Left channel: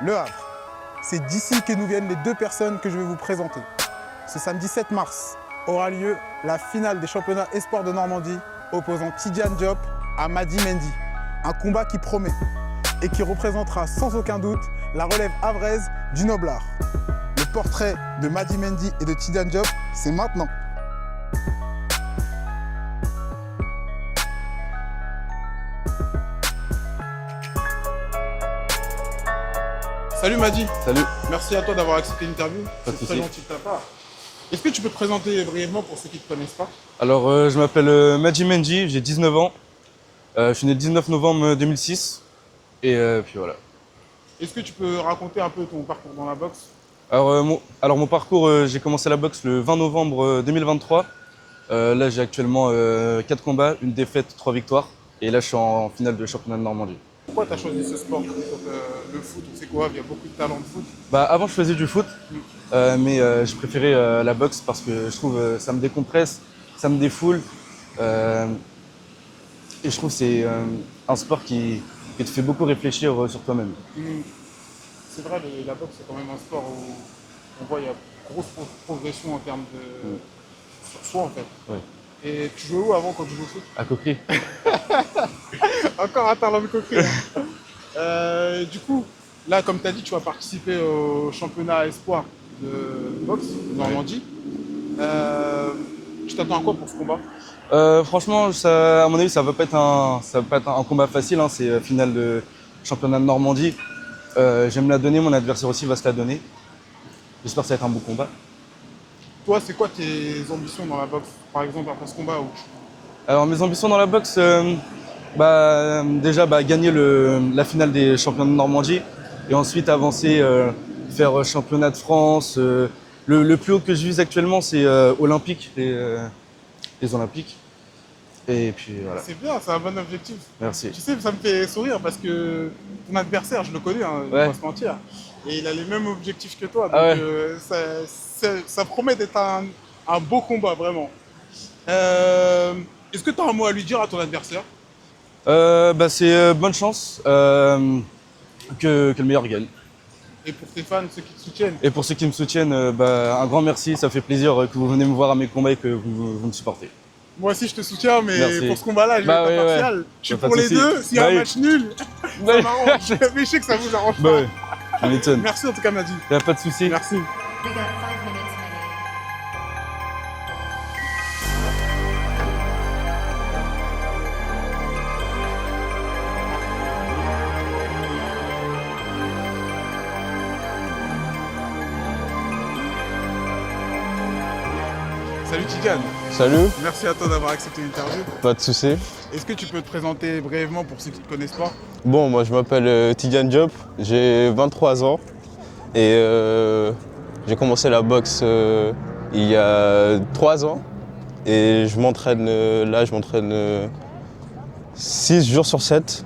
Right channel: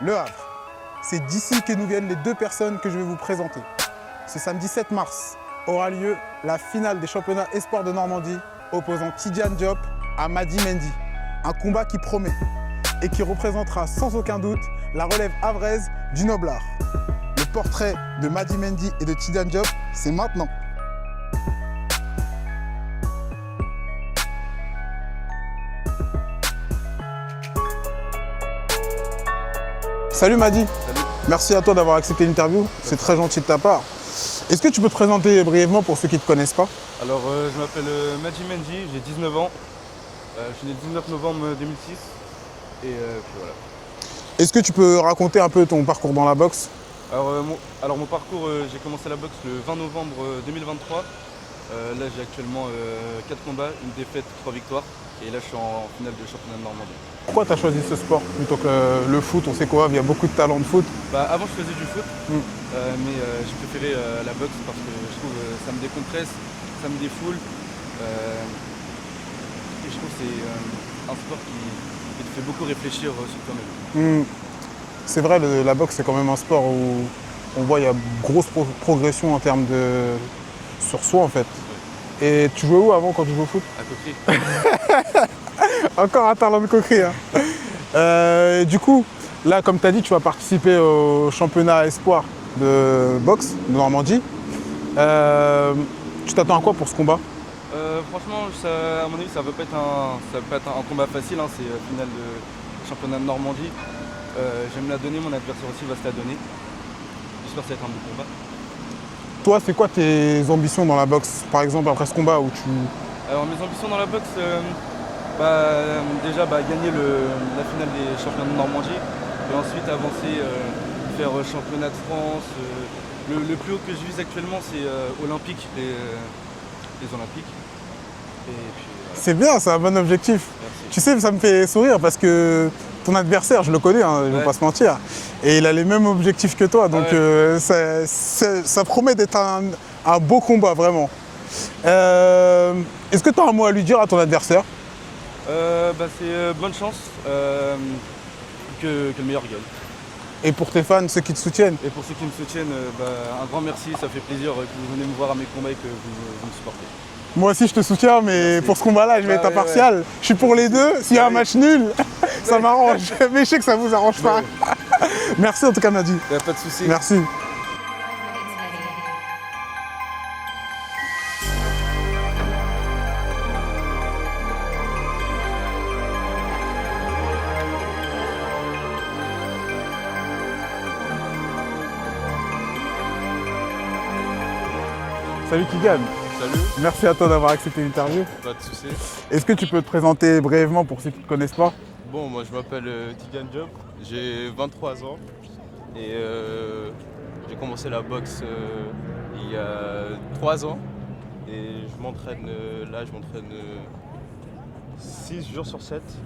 Le Havre. C'est d'ici que nous viennent les deux personnes que je vais vous présenter. Ce samedi 7 mars aura lieu la finale des championnats espoirs de Normandie opposant Tidiane Diop à Mady Mendy. Un combat qui promet et qui représentera sans aucun doute la relève havraise du Noblard. Le portrait de Mady Mendy et de Tidiane Diop, c'est maintenant. Salut Mady. Salut. Merci à toi d'avoir accepté l'interview, c'est très gentil de ta part. Est-ce que tu peux te présenter brièvement pour ceux qui ne te connaissent pas? Alors, je m'appelle Mady Mendy, j'ai 19 ans. Je suis né le 19 novembre 2006. Et puis voilà. Est-ce que tu peux raconter un peu ton parcours dans la boxe? Alors, mon parcours, j'ai commencé la boxe le 20 novembre 2023. Là, j'ai actuellement 4 combats, une défaite, 3 victoires. Et là, je suis en finale de championnat de Normandie. Pourquoi tu as choisi ce sport plutôt que le foot? On sait quoi, il y a beaucoup de talents de foot. Avant, je faisais du foot, mais j'ai préféré la boxe parce que je trouve ça me décompresse, ça me défoule. Et je trouve que c'est un sport qui te fait beaucoup réfléchir sur toi-même. C'est vrai, la boxe, c'est quand même un sport où on voit qu'il y a grosse progression en termes de... sur soi, en fait. Ouais. Et tu jouais où avant quand tu jouais au foot? À Coquerie. Encore un talent de coquerie. Du coup, là, comme tu as dit, tu vas participer au championnat espoir de boxe de Normandie. Tu t'attends à quoi pour ce combat? Franchement, à mon avis, ça va pas être un combat facile. Hein. C'est finale de championnat de Normandie. J'aime me la donner, mon adversaire aussi va se la donner. J'espère que ça va être un bon combat. Toi, c'est quoi tes ambitions dans la boxe, par exemple, après ce combat où tu... Alors, mes ambitions dans la boxe, déjà gagner la finale des championnats de Normandie et ensuite avancer, faire championnat de France. Le plus haut que je vise actuellement, c'est olympique et les Olympiques. Et puis voilà. C'est bien, c'est un bon objectif. Merci. Tu sais, ça me fait sourire parce que ton adversaire, je le connais, hein, je ne vais pas se mentir, et il a les mêmes objectifs que toi, donc ça promet d'être un beau combat, vraiment. Est-ce que tu as un mot à lui dire à ton adversaire? C'est bonne chance que le meilleur gagne. Et pour tes fans, ceux qui te soutiennent? Et pour ceux qui me soutiennent, un grand merci, ça fait plaisir que vous venez me voir à mes combats et que vous me supportez. Moi aussi je te soutiens, mais merci. pour ce combat-là, je vais être impartial. Ouais. Je suis pour les deux, s'il y a un match nul, ça Ouais. m'arrange. Mais je sais que ça vous arrange pas. Merci en tout cas Mady. Y a pas de souci. Merci. We got 5 minutes, Many. Salut Tidiane. Salut, Merci à toi d'avoir accepté l'interview. pas de souci. Est-ce que tu peux te présenter brièvement pour ceux qui ne te connaissent pas? Bon, moi je m'appelle Tidiane Diop, j'ai 23 ans et j'ai commencé la boxe il y a 3 ans et je m'entraîne 6 jours sur 7.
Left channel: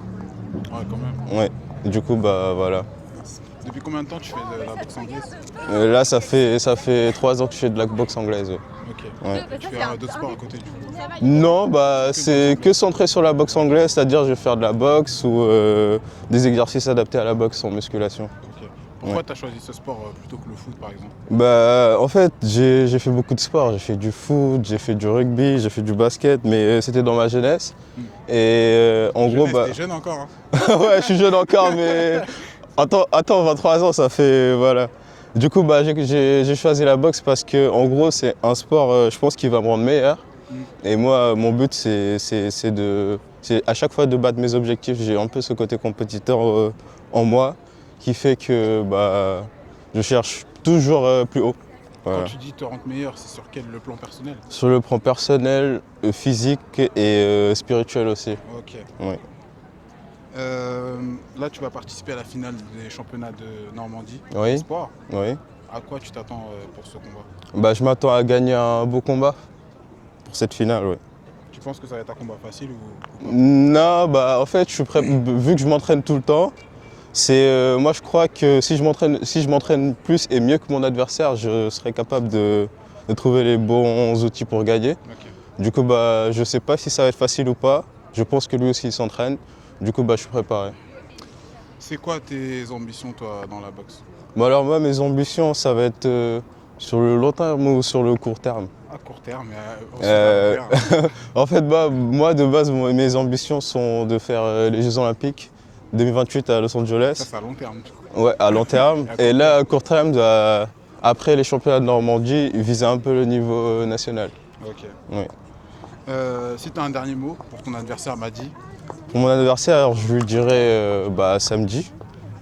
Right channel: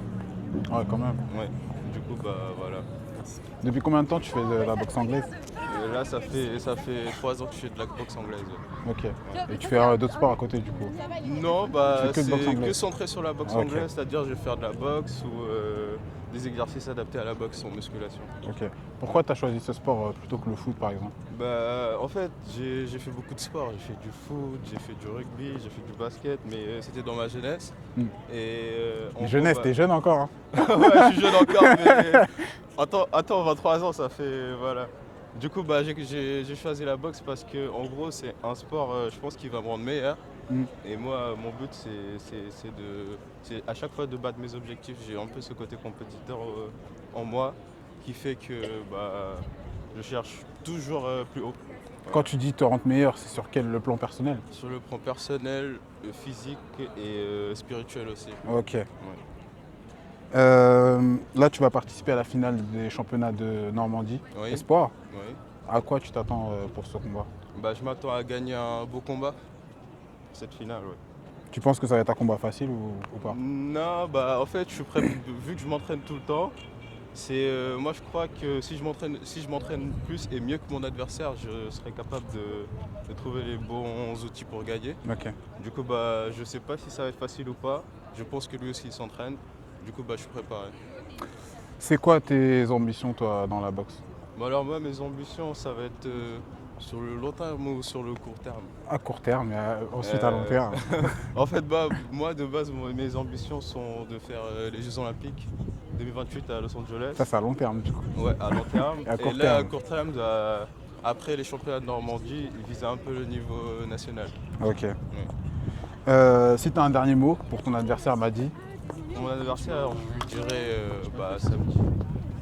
Ouais, quand même. Ouais, du coup, voilà. Depuis combien de temps tu fais de la boxe anglaise? Là, ça fait 3 ans que je fais de la boxe anglaise. Ouais. Ok. Ouais. Et tu fais d'autres sports à côté du coup? Non, C'est que boxe c'est que centré sur la boxe anglaise, c'est-à-dire je vais faire de la boxe ou des exercices adaptés à la boxe en musculation. Ok. Pourquoi tu as choisi ce sport plutôt que le foot par exemple? En fait, j'ai fait beaucoup de sports. J'ai fait du foot, j'ai fait du rugby, j'ai fait du basket, mais c'était dans ma jeunesse. Et en gros, T'es jeune encore, hein? ouais, je suis jeune encore, mais attends, 23 ans, ça fait voilà. Du coup, j'ai choisi la boxe parce que, en gros, c'est un sport, je pense, qui va me rendre meilleur. Et moi, mon but, c'est à chaque fois de battre mes objectifs. J'ai un peu ce côté compétiteur en moi qui fait que je cherche toujours plus haut. Voilà. Quand tu dis te rendre meilleur, c'est sur le plan personnel? Sur le plan personnel, physique et spirituel aussi. Ok. Ouais. Là, tu vas participer à la finale des championnats de Normandie. Oui. Sport. Oui. À quoi tu t'attends pour ce combat? Je m'attends à gagner un beau combat pour cette finale. Ouais. Tu penses que ça va être un combat facile ou pas? Non, en fait, je suis prêt, vu que je m'entraîne tout le temps. Moi, je crois que si je m'entraîne plus et mieux que mon adversaire, je serai capable de trouver les bons outils pour gagner. Ok. Du coup, je ne sais pas si ça va être facile ou pas. Je pense que lui aussi, il s'entraîne. Du coup, je suis préparé. C'est quoi tes ambitions, toi, dans la boxe? Bon, alors moi, mes ambitions, ça va être sur le long terme ou sur le court terme. À court terme, ensuite à long terme. En fait, bah, moi, de base, mes ambitions sont de faire les Jeux Olympiques 2028 à Los Angeles. Ça, c'est à long terme, du coup. Ouais, à long terme. À court Et là, terme. à court terme, après les championnats de Normandie, viser un peu le niveau national. Ok. Ouais. Si tu as un dernier mot pour ton adversaire, Madi. Pour mon anniversaire, je lui dirais samedi.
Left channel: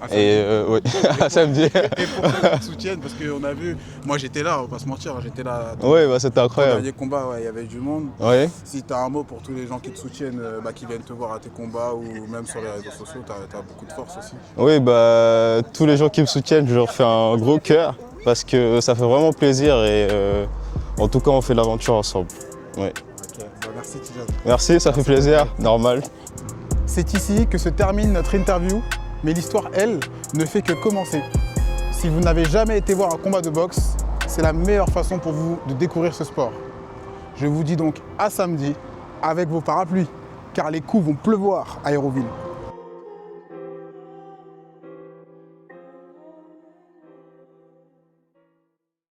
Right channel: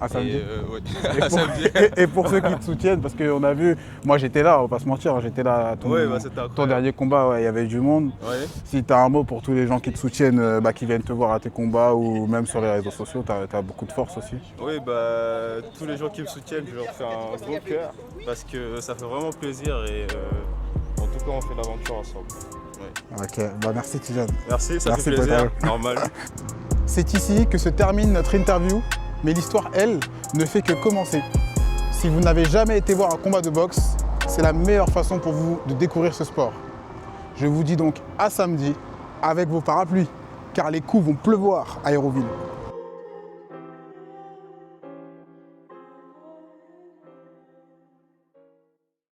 à samedi. Et oui, samedi. Et pour ceux qui te soutiennent, parce qu'on a vu, moi j'étais là, on va pas se mentir, j'étais là. Oui, bah, c'était Ton incroyable. dernier combat, ouais, il y avait du monde. Oui. Si tu as un mot pour tous les gens qui te soutiennent, qui viennent te voir à tes combats ou même sur les réseaux sociaux, tu as beaucoup de force aussi. Oui, bah, tous les gens qui me soutiennent, je leur fais un gros cœur parce que ça fait vraiment plaisir et en tout cas, on fait l'aventure ensemble. Oui. Ok, bah merci Tidjane. Merci, ça Merci, fait plaisir, Bernard. normal. C'est ici que se termine notre interview, mais l'histoire, elle, ne fait que commencer. Si vous n'avez jamais été voir un combat de boxe, c'est la meilleure façon pour vous de découvrir ce sport. Je vous dis donc à samedi avec vos parapluies, car les coups vont pleuvoir à Aéroville.